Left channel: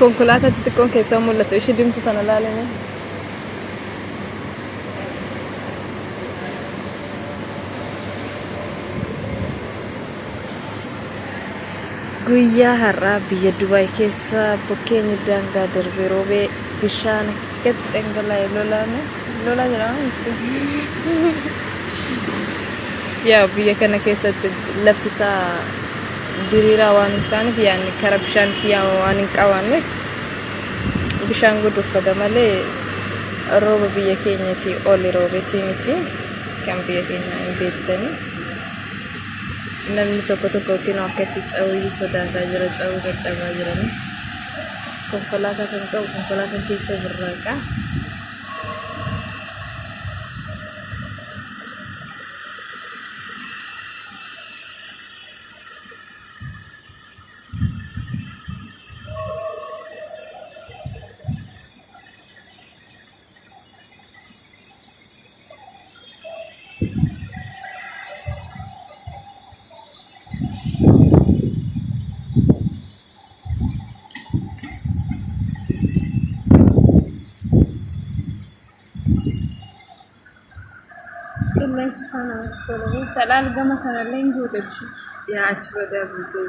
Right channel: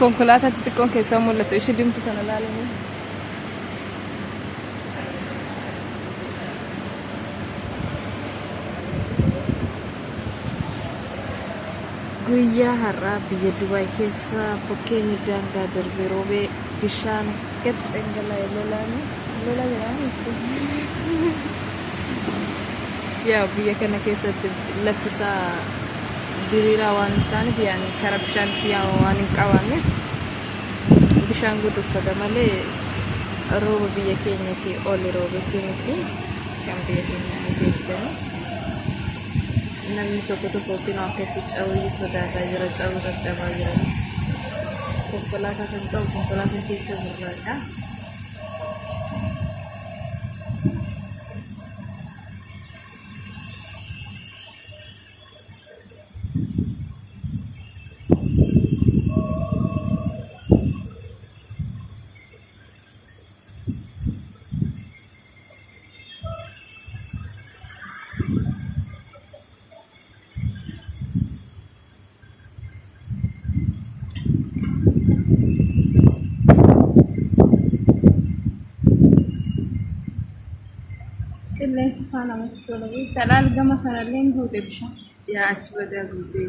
konkolaataa xixiqqoon keessaa mul'atu ishee dimtu tana laalanii. Guyyaa har'aa biyya Dubaay keessa bokkeenyi daangaa darbee roobee bishaan akkatti dhangala'ee lolaa jedhama. Yaa biyya kana keessatti lafti isaa diriiraa waan hin taaneef yaani karaa bishaanitti waan hin qabaanneef bishaan guduffata malee rooba biyya keenyatti oli roobeetii miti kan biyya keenya hin beektanii. Namni tokko yookiin akkatti cawwii sodaataa jira, cawwii dadhabaa jirani. Konkolaataa kan qabu konkolaataan keessa burraaqa. Qilleensi isaa namatti tolu. Kadhaan gama sanallee hin guute bishaan. Yaa achi badaa guutee.